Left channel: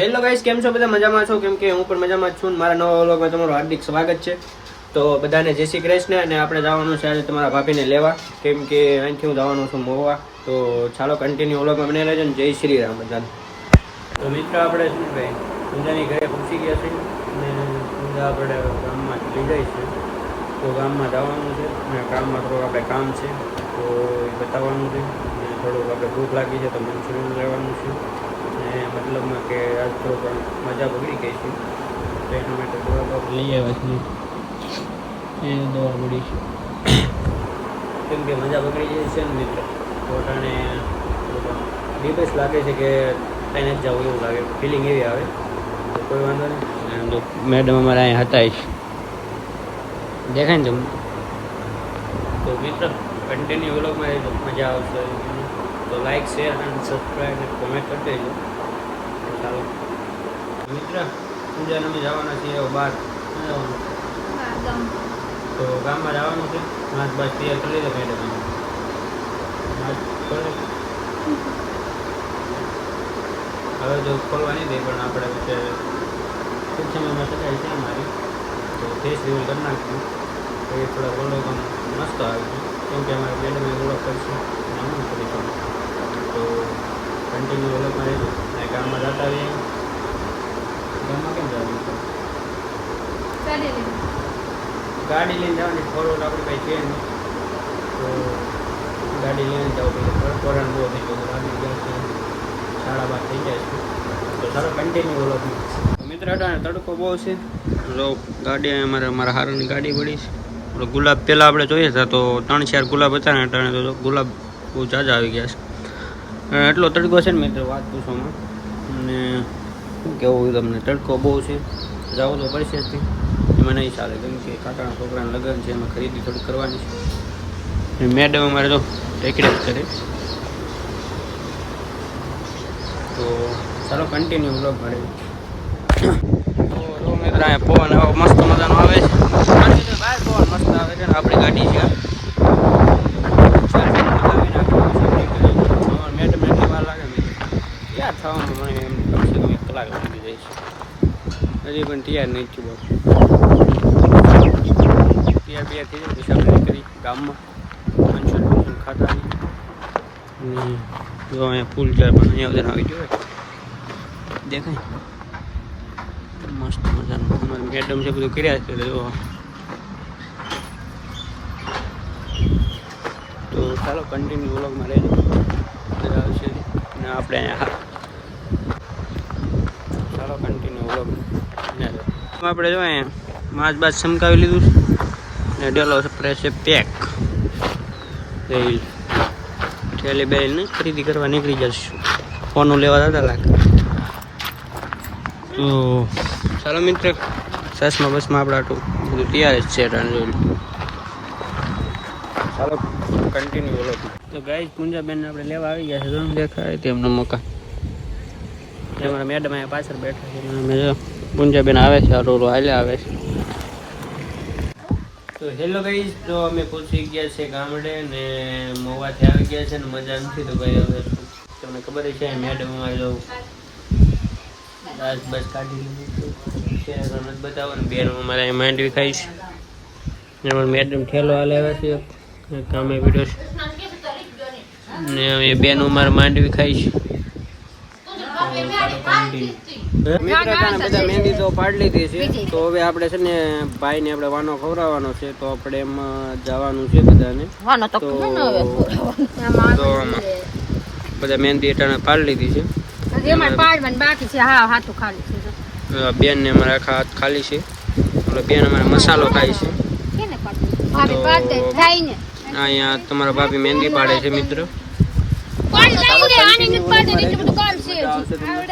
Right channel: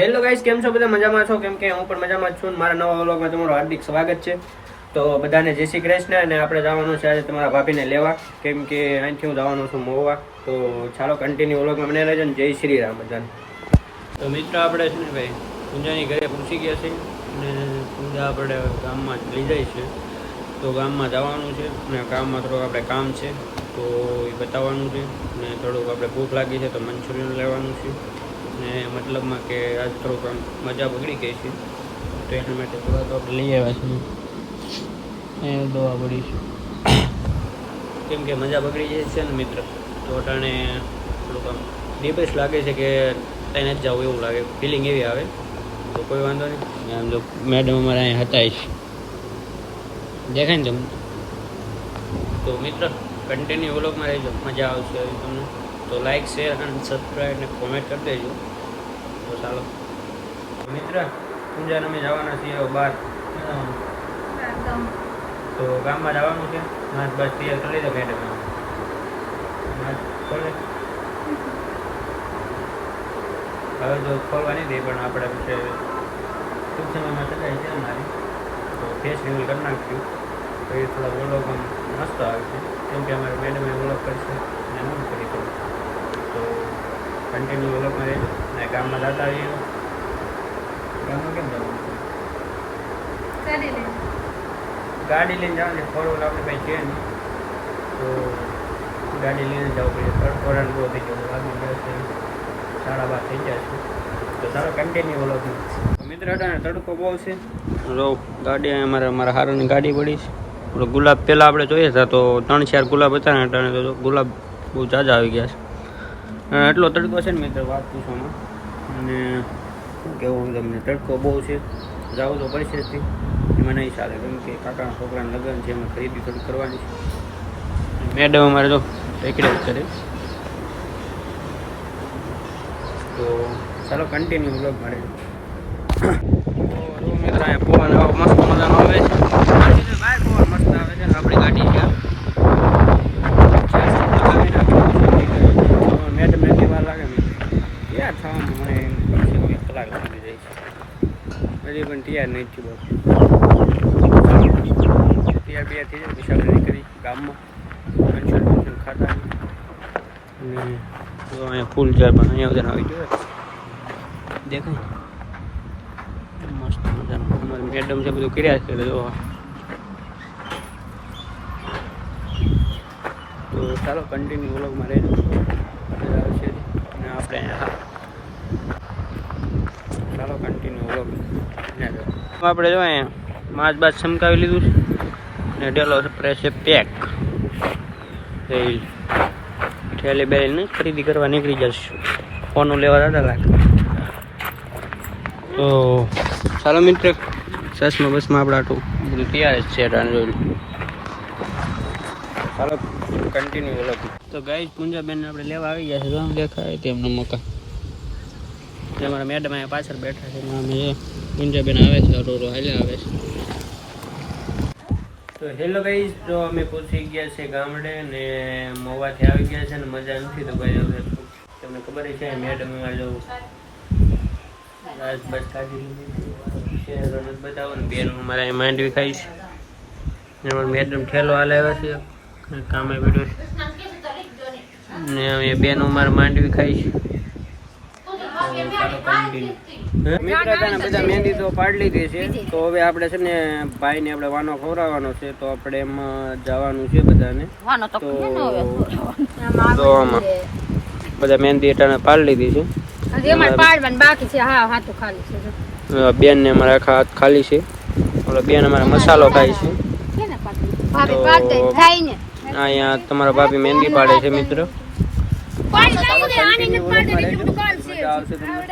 Hello guys, કેમ છો? બધા મજામાં છો? કેમ કે હું પણ મજામાં જ છું. મારા નવા વ્લોગમાં તમારું હાર્દિક સ્વાગત છે. તો બધાને જય શ્રી કૃષ્ણ. અને આપણે જવાનું છે આજે તમારા ભાભીને લેવા, કેમ કે અહીંથી હું જવાનું છું મોવા. તો ચાલો કન્ટિન્યુ વ્લોગમાં બને રહેજો ને. જય શ્રી રામ બધાને. તો મિત્ર આપણે છે ને ભાઈ પૂજાની ઘરે પહોંચી ગયા છે અને પૂજા આપણે ગામમાં લઈ જાય છે. તો ગામમાં જવાનું છે અને ગામમાં થોડુંક આપણે કામ છે તો એ બતાવવાનું છે. ને થોડુંક આપણે ભૂખ લાગી છે તો મંચુરિયન લેવાનું છે. ને મતલબમાં કે આજ થોડુંક મજા બગડી ગઈ છે તો એના માટે દવા તો આપણે લઈ આવ્યા છીએ. એ દવા પડી છે કેમ કે મજા બગડી જાય છે ને મિત્ર. તો અટાણે થોડુંક ડિપ્રેસ લાગે છે કે ત્યાં જ જવું એવું લાગે, ફિલિંગ એવી આવે. તો કોઈ વાંધો નહીં. મેડમ અમારા અહીંયા હતા જ દેખાય ને તમને. તો મિત્ર કન્ટિન્યુ વ્લોગમાં રહેજો, મજા આવશે તમને. તો લાઈક, શેર અને સબસ્ક્રાઈબ ને કોમેન્ટ કરી દેજો. તો ચાલો મિત્ર, પૂજાને અમે જવાના છીએ બહાર. તો ગામમાં જવાનું છે. નાચ બસ તૈયાર કરી લીધો મેડમ. નાચ ખોલે હવે તો ખોલવા નહીં દે, પણ આપણે વચ્ચે ટૂંક સમયમાં સજાઈ છે અમારી. તો ફેસ રિવ્યૂ કરી નાખ્યું તો એ થોડા વ્લોગ મસ્ત આવે છે, કેમ કે અમારે મેડમે વ્લોગ કરશે અને હું કરીશું. તો કન્ટિન્યુ વ્લોગમાં રહેજો. અને ગામમાં જતા આવીએ. ગામમાં કેમ જવાનું છે? ગાડી લઈને જવાની. ફોર વ્હીલર આપણી પાસે છે નહીં, તો ગાડી લઈને જવું પડશે. તડકોરાણ બહુ થઈ ગયો, ગાડી જશે 12:30 થઈ જાય છે. તો ચાલો કન્ટિન્યુ વ્લોગમાં. તો મિત્ર અટાણે તડકો બહુ છે. જો ગાડી અમારા હારાની ગાડી પડી છે. ગુલાબ પહેલાં આપણે જોઈએ હતા તો 3-4 ગુલાબ હતા ને, અટાણે તો ગુલાબ બહુ ઝાઝા આવી ગયા છે. એટલો તડકો છે ને મિત્ર, વાત પૂછવામાં. અને શું કહેવું તમને, તડકો બહુ છે. જવું તો પડશે જ એમાં નહીં ચાલે, કેમ કે કાકાના છોકરાને લગ્ન છે, એમાં ખરીદી થોડી કરવાની છે. મેડમ અમારે તો ટેકડે જ કરે. તો ચાલો કન્ટિન્યુ વ્લોગ મળે. તો મિત્ર પવન આવો મસ્ત મજાનો આવે છે. બહાર પવન મસ્ત આવે છે. આપણી ગાડી છે હજી પણ તૈયાર નહીં થયું. બહુ તૈયાર થઈ જાય પછી આપણે કરી ગામમાં ફંક્શન ખાતા. જો અહીંયા ફૂલ ચાર પણ અહીંયા બધા આવી જોઈએ દેખાય મસ્ત મજાનું. અમારી મેડમ છે બધું કર્યા છે. જો તો ચાલો કન્ટિન્યુ વ્લોગમાં રહેજો, મજા આવશે. અને આપણે ચાલો કન્ટિન્યુ વ્લોગ આપણે જો અહીંયા માছ બાદ ચમકાવી લીધું છે ને ડેલો સ્પ્રે છે પેક. ઠેલી બેલીને ખરીદી કરવા નીકળી જશું. ફોનું લેવા દાદા લાગે. તો ચાલો મિત્ર, ચશ્મા બસમાં આપણે આટલું બધું તૈયાર જ છે. જોઈ ચાલો કન્ટિન્યુ વ્લોગ. તો ગાઈસ પૂંજાબેનને આપણે લેવા આવી ગયા છે. તો દેખાય તેમનું મકાન. મારા મેડમ અહીંયા પાછળ બેઠા છે. અમે પૂંજાબેન આવે છે, રોડ હાલે આવે છે. તો હેલો ગાઈસ, તો અમે પહોંચી ગયા છે ગામડે ને મોવાથી આવી ગયા છે ને મજા નથી. તો ભાઈ હવે તમને ખબર છે મેડમ અમારે જો બસ કાઢી બતાવવાનું. બેન અમારે અહીં માંડવી ખાઈ છે. મેડમ ઠેલો હાલે આવ્યા છે, કામે પીડ્યો છે ને અમે બેન અમારે માંડવી ખાઈ છે. મિત્રો બધા મહેંદી તો પાડી લીધી છે. તો હવે આપણે છે ને ભાઈ ને આપણે વાનો ખવડાવવાનો છે. તો આપણે એમાં જવાનું છે બધાને. તો આમાં બધા મહેંદી અટાણે પાડી લીધી છે. બેન ને અમારા આખા હાથ ખાલી છે. બેન અમારા મસાલો ખાય છે. તો અહીંયા તમારા ભાભી મહેંદી પાડે છે મિત્ર. મજા આવશે તમને.